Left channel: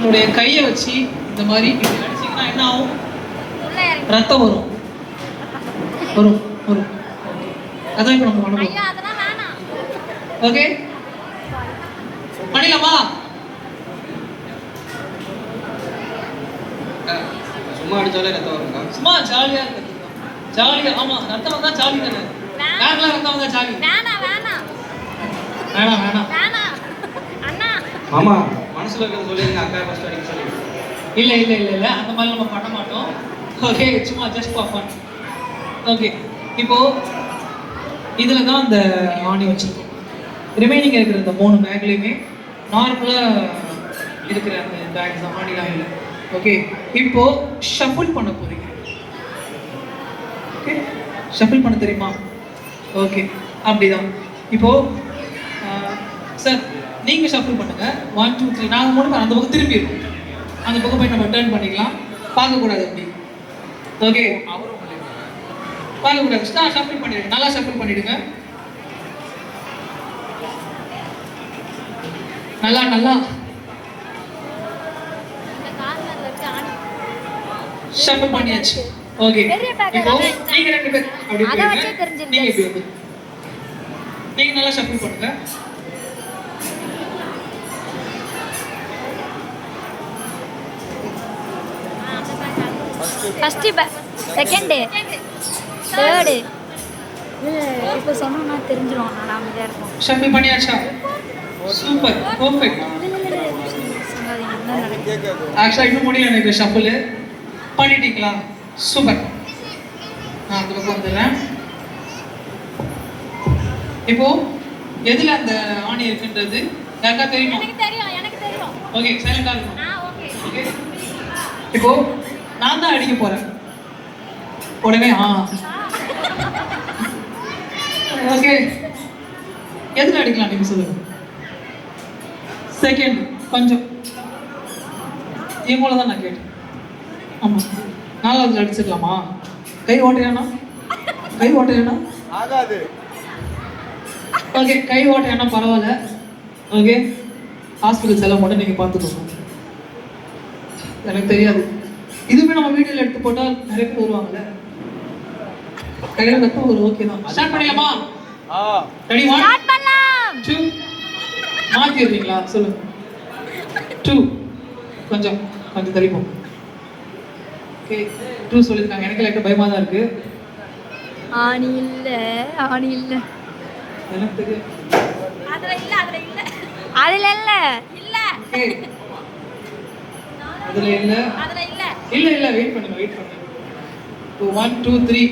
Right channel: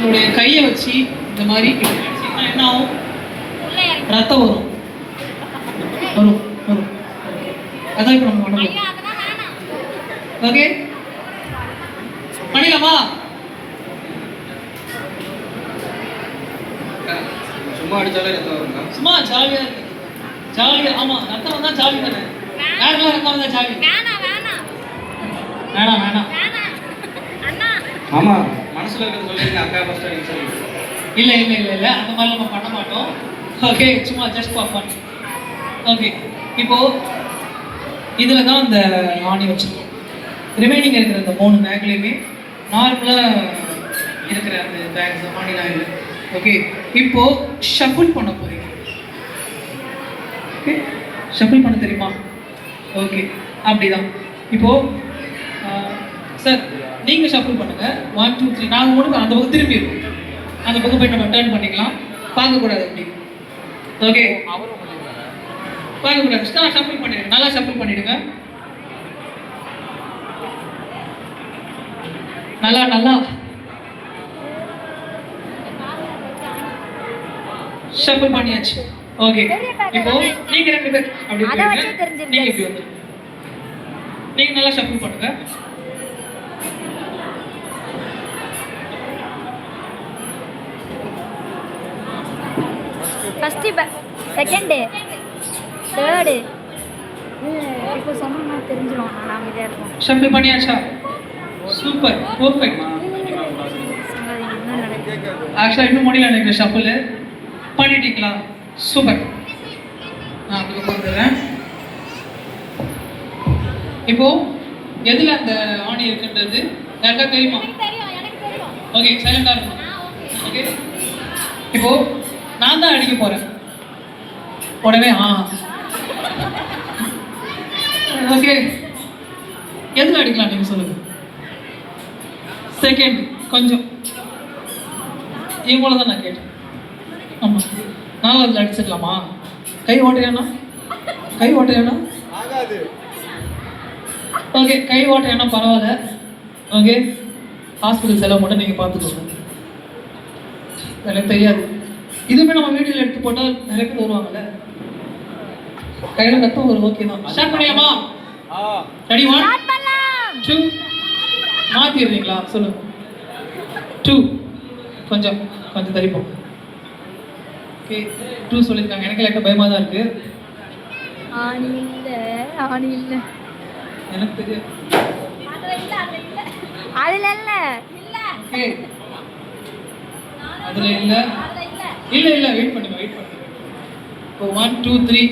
உங்களுடைய கையை வச்சு இந்த மாதிரி அடிச்சீங்கன்னா என்ன ஆகும்? ரத்தம் வரும் வரும் வரும். அதான் இப்போ நம்ம பண்ணணும். ஓகே பண்ணிடலாமா? சும்மா அடிச்சாலே ரத்தம் வருங்க. சும்மா ஜாலியா இருக்கு. ஜாலியா ஆமா ரத்தம் வந்தா ஜாலி தானே. வேணாம் ரத்தம் வந்தா ஜாலி. வேணாம் அண்ணா ஆமா மனசுல இருக்கிறது சொல்லிருங்க. அக்கா ஃபர்ஸ்ட் அடிக்க சொல்லி. இல்ல இல்ல இல்ல இல்ல அந்த மாதிரி நம்ம பண்ண மாட்டோம். ஓகே சும்மா ஜஸ்ட் ஃபார் ஃபன். ஓகே இப்போ இதில் தான் இந்த ஆணி வச்சிருக்கோம். ரிமைனிங் இருக்கிற இந்த 3 பேக்லேயுமே நார்மலாக இருக்கிற அந்த பேக்ஸ் ஆணிலாம் இல்லை. ஓகே இப்போ ஷஃபிள் பண்ண போகிறீங்க. ஓகே ஷஃபிள் பண்ண தெரியுமா? ஓகே அப்படிதான். இப்போது சார் நீங்கள் ஷஃபிள் பண்ணுங்கள். 1 2 3 நாங்கள் 3 அந்த பக்கம் திரும்பி இருக்கும். அந்த பக்கம் போய் நம்ம டர்ன் பண்ணிக்கலாம். பார்க்கக்கூடாது அப்படி. ஓகே பார்க்கக்கூடாது. ஷஃபிள் பண்ணிடுங்க. நல்லா ஷஃபிள் பண்ணிடுங்க. நல்லா நல்லா ஷஃபிள் பண்ணியாச்சு. ஓகே இப்போ நீங்க 2 பேர் அப்படி அத வச்சே தெரிஞ்சிருச்சு. நீங்க இப்படி வந்து நீங்க நல்லா ஷஃபிள் பண்ணுங்க. ஃபர்ஸ்ட் செகண்ட் தேர்ட் இப்போ சொன்னா தெரிஞ்சிரும். நான் அமைதியா இருக்கும். ஷஃபிள் பண்ணியாச்சா? Super perfect. ஆக்சுவலா இன்னும் முடியல எனக்கு ஷஃபிள். பண்ணிட்டீங்களா? சூப்பர். நான் அதுக்கு வந்துடுறேன். இப்போ எதுல அந்த ஆணி இருக்குன்றது யாருக்கா தெரியுமா? எனக்கு தெரியும். ஓகே சைலண்டா இருங்க. ஓகே இப்போ நான் தான் அடிக்க போறேன். உடனே ஓகே எதுல அடிக்கலாம் நீங்க சொல்லுங்க. செகண்ட் கொஞ்சம் இவ்வளோ தான் நான் கேட்டேன். ஆமாம் 4வது அடிச்சிடலாமா? கை ஓட்டையானா? ஆகாது. ஓகே கை ஓட்டையானா பரவாயில்ல. ஓகே ஹாஸ்பிட்டல் செலவு மட்டும் நீங்கள் பார்த்துக்கோங்க. எனக்கு தெரியாது. இதுவுமே நம்ம வீடியோவில் எடுத்து போட்டால் நிறைய பேர் வருவாங்கல்ல. கையில் ரத்தம் ஒரு ஓகே தான். ஸ்டார்ட் பண்ணிடலாமா? ரெடி 1 2 மாற்றிடுறீங்களா? சொல்லுங்க. 2 கொஞ்சம் தள்ளிப்போம். ஓகே 2 சொல்லியிருக்காங்க. எனக்கு லைட்டாக பயமாக தான் இருக்கு. ஆணி இல்ல எனக்கு தெரியும். அதுல இல்ல ஓகே அதுல இல்ல வெயிட் பண்ணுங்க. இப்போ 1 2 3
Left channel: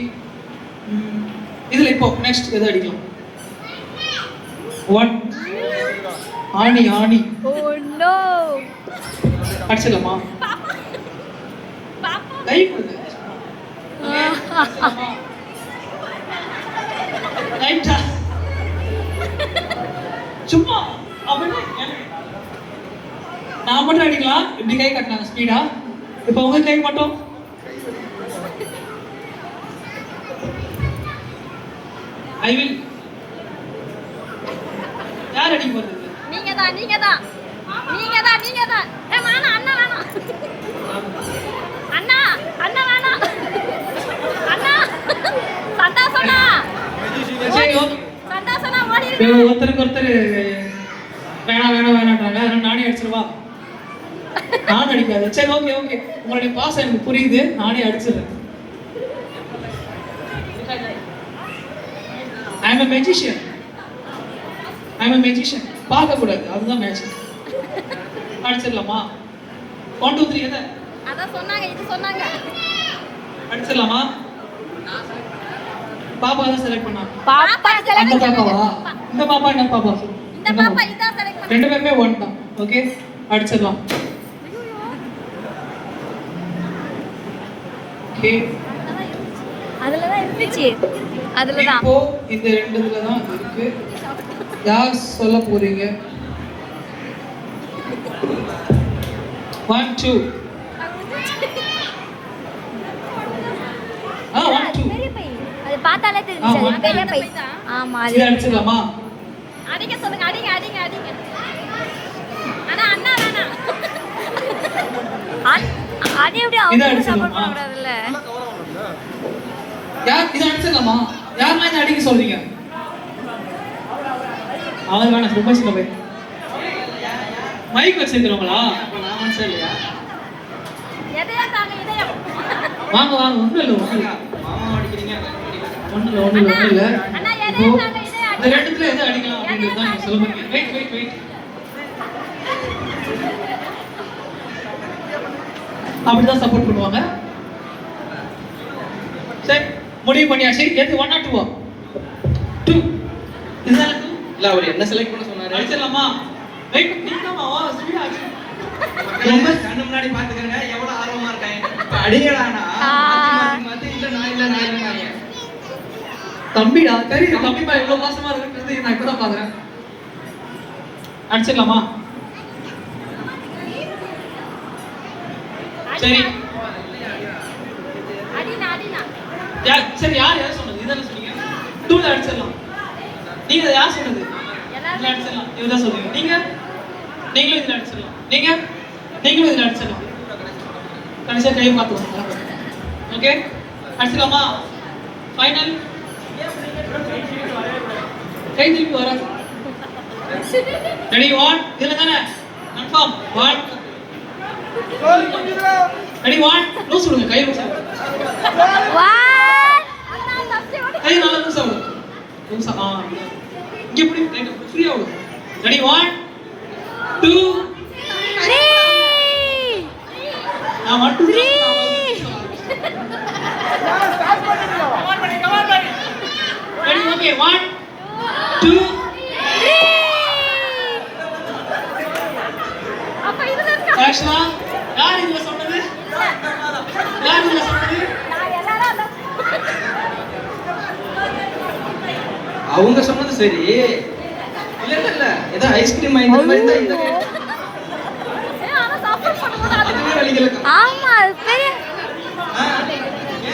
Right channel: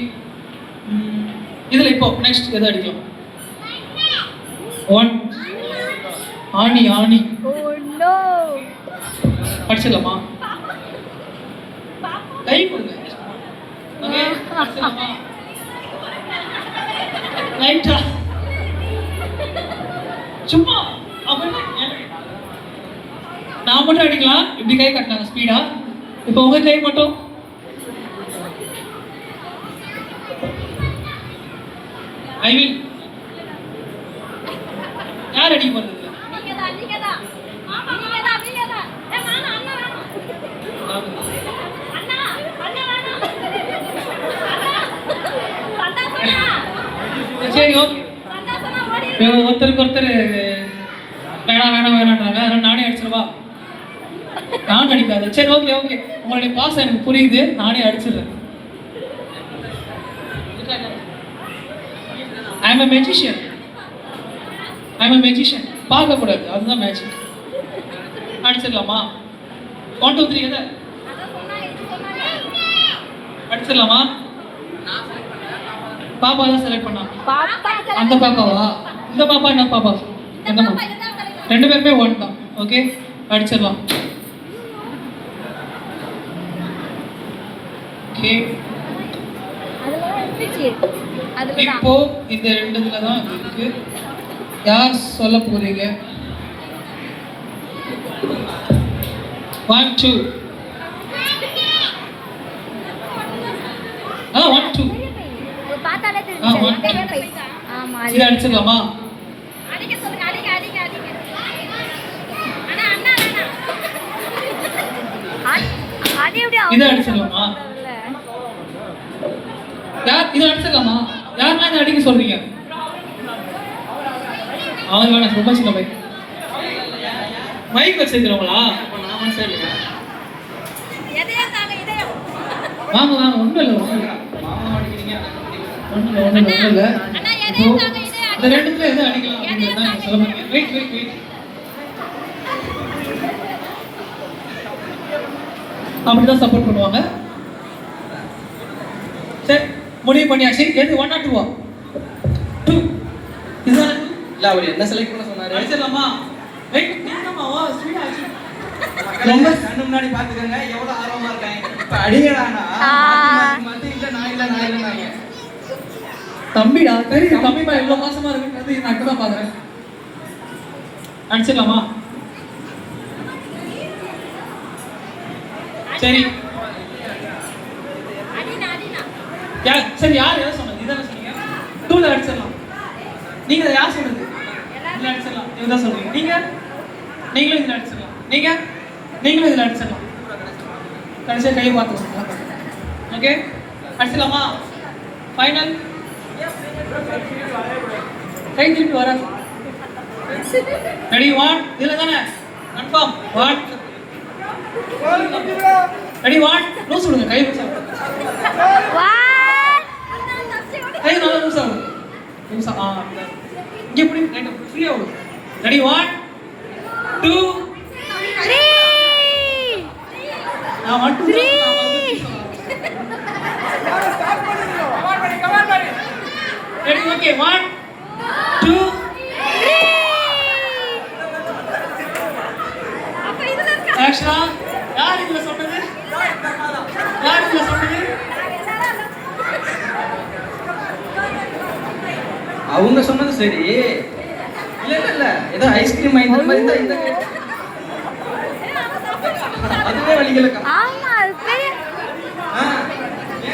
இதுல இப்போ நெக்ஸ்ட் எதை அடிக்கலாம்? 1 ஆணி ஓ நோ அடிச்சிடலாமா? கை கொடுங்க. லைட்டா சும்மா நான் மட்டும் அடிக்கலாம். இப்படி கை கட்டினாங்க ஸ்பீடா. இப்போ உங்க கை மட்டும் ஐ வில். யார் அடிக்க போறது? நீங்க தான். வேணா அண்ணா வேணா. அண்ணா வேணா. சந்தாசனா. சரி ஓகே. சந்தாசனா ஓடி. ஒருத்தருக்கு வேணான்றாங்க. அதனால நானே அடிச்சிடவா? நான் அடிக்காது. சரி ஓகே உங்களுடைய பாசம் எனக்கு புரியுது. நானே அடிச்சிடுறேன். I am a magician. பார்க்கக்கூடாது. அதுதான் மேஜிக். அடிச்சிடலாமா? 1 2 3 எதை அடிச்சிடலாமா? பாப்பா தான் செலக்ட் பண்ணா. அந்த பாப்பாவா? இந்த பாப்பா என்ன பாப்பா? ரெண்டு பேருமே 1 தான். ஓகே அடிச்சிடலாம். ஓகே அதுலதான் இருந்துச்சு. அதுலதான் இப்போ இந்த 2 இதுல தான் இருக்கு. யார் சொல்ல போறீங்க? 1 2 1 2 அது பார்த்தாலே தெரிஞ்சுச்சு. பெரிய பை. ஆமா அது அடிச்சிடலாமா? அடிக்க சொல்லுங்க. அடிங்க. அண்ணா அது எப்படி இதை அவங்க அடிச்சிடலாமா? சப்போர்ட் பண்றதுல யார் இதை அடிச்சிடலாமா? யாரெல்லாம் இதை அடிக்க சொல்றீங்க? அவங்க வேணாம், ப்ரொபோஷன்ல போய் மைக் வச்சிருக்கிறவங்களா? அப்போ நான் சரியா எதையா தாங்க இதையா வாங்க வாங்க, ஒன்றும் இல்லை ஒன்றும் இல்லை மாமா அடிக்கிறீங்க அக்கா அடிக்கிறீங்க. ஒன்றும் இல்லை ஒன்றும் இல்லை ஒன்றும் இல்லை. அண்ணா இப்போ எதையா தாங்க இதையா இந்த ரெண்டுத்துல எது அடிக்கலாம் அப்படின்றது தான் நீங்க சொல்ல போறீங்க. Wait wait wait. அப்படிதான் சப்போர்ட் பண்ணுவாங்க. சரி, முடிவு பண்ணியாச்சு. எது 1 or 2? 2. இதுதான் இல்ல அவர் என்ன செலக்ட் பண்ண சொன்னாரு? அடிச்சிடலாமா? வெயிட், நீங்கம்மா ஸ்பீட் ஆச்சு. கண்ணு முன்னாடி பாத்துக்கங்க எவ்வளவு ஆர்வமா இருக்காங்க. இப்ப அடிங்கடானா மாத்தி இல்ல நான் இல்ல. தம்பிடா, தெரியுது தம்பிப்பா எவ்வளவு பாசமா இருக்குன்றது நான் இப்பதான் பாக்குறேன். அடிச்சிடலாமா? சரி யார் சரி யார் சொன்னது? இதானே சொன்னீங்க. 2ல அடிச்சிடலாம். நீங்க யார் சொன்னது? இதுல அடிச்சிடலாம். இதுதான் சொல்றீங்க. நீங்களும் இதுல அடிச்சிடலாம். நீங்களும் இதுல அடிச்சிடலாம். கடைசியா கையை பார்த்துக்கோங்க. ஓகே, அடிச்சிடலாமா? ஃபைனல். கை திருப்பி வர. ரெடி 1. இதுல தானே கன்ஃபார்ம். 1. ரெடி 1. லூஸ் விடுங்க, கை லூஸ் ஆகும். கை நல்லா லூஸ் ஆகும். லூஸ் ஆகும். இங்க இப்படி லைட்டா ஃப்ரீ ஆகும். ரெடி 1 2 3 நான் மட்டும் 3 ரெடி ஓகே 1 2 அப்ப இதுல இருக்க ஆக்ஷன். யார் இதுல சொன்னது? யார் இதுல சொன்னது? அவங்க சொன்னது சரி. இல்ல ஏதோ ஐஸ்கிரீம் வாங்கி மாதிரி தான் இந்த அதுவே வலிக்கலக்கா. ஆமா அது பெரிய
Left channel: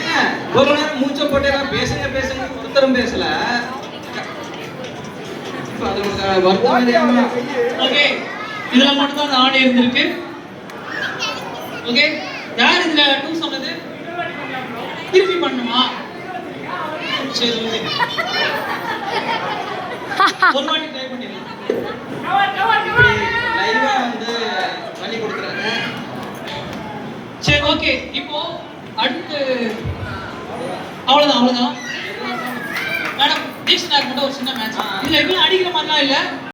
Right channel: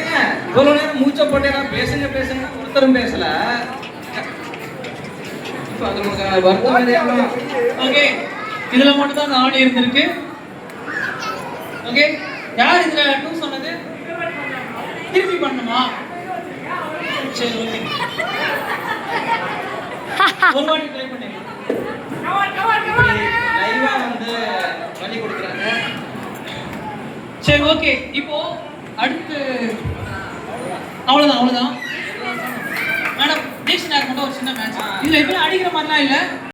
ஏன் ஒரு நேரம் மூச்சை போட்டே பேசுங்க ஒருத்தரும் பேசல. இப்போ அது வருத்தம் தெரியாம. ஓகே, இதுல மட்டும் தான் ஆடி இருந்திருக்கு. ஓகே, யார் இதுல 2 சொன்னது? திருப்பி பண்ணுமா? சரி ஓகே, ஒரு வாட்டி ட்ரை பண்ணிடலாம். லைவா வந்து பண்ணி கொடுக்குறாங்க. சரி ஓகே, இப்போ அடுத்து அவ்வளவுதான். மேடம், நெக்ஸ்ட் நான் கூட ஒரு சின்ன மேட்ச். இதுல எதுவும் அடிக்கிற மாதிரிலாம் இல்ல.